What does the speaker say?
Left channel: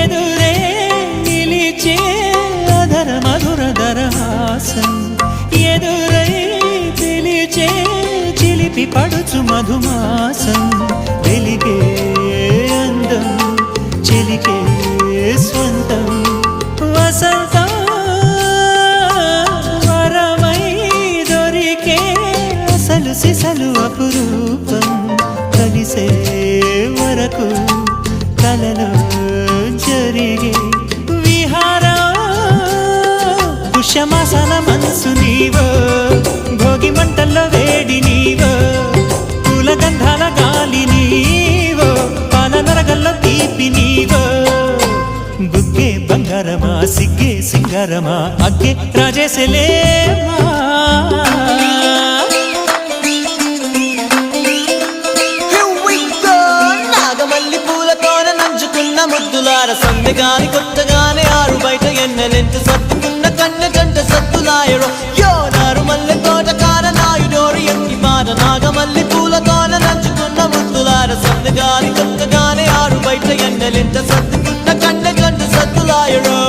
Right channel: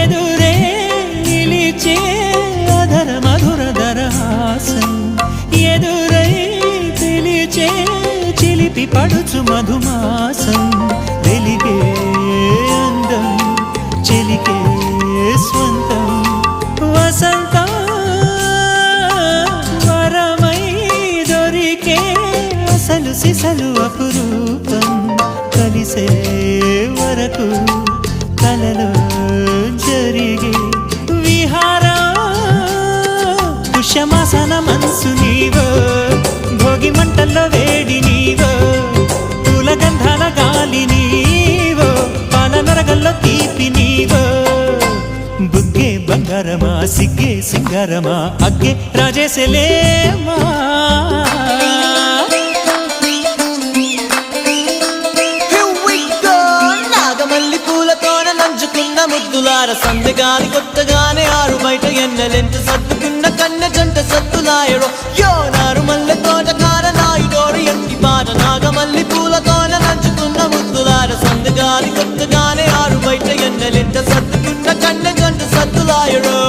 ఎదురే నిలిచే అధర మధుర దరహాసం ఎదురై పిలిచే చిలిపి పడుచు మధుమాసం వెలిగే అందం చెలికే స్వంతం వసంతం వరమై దొరికే అసలు సిసలు అపురూపం కలిసే వరకు కలలో జరిగే విహారం పుష్యమాసన మనసు నీవో భోగి మంటల్లో వేడి నీవో పూల గంధాల గాలి నీవో పాల నరగల్లో తీపి నీవో బుగ్గే బంగారమా సిగ్గే సింగారమా అగ్గే రాజేసలేమా మల్లి పూలతోన నంచుకున్న ముద్దులార సందెగాని కొత్తగానే ఆరు బయట ఎన్నెలెంట సర్దుకున్న కన్నె జంట సత్తులాయరో యోనారు మల్లె తోటకార నాయుడోరు ఎట్టి పాట నాగమల్లి పూలతోన నంచుకున్న ముద్దులార సందెగాని కొత్తగానే ఆరు బయట ఎన్నెలెంట సర్దుకున్న కన్నె జంట సత్తులాయరో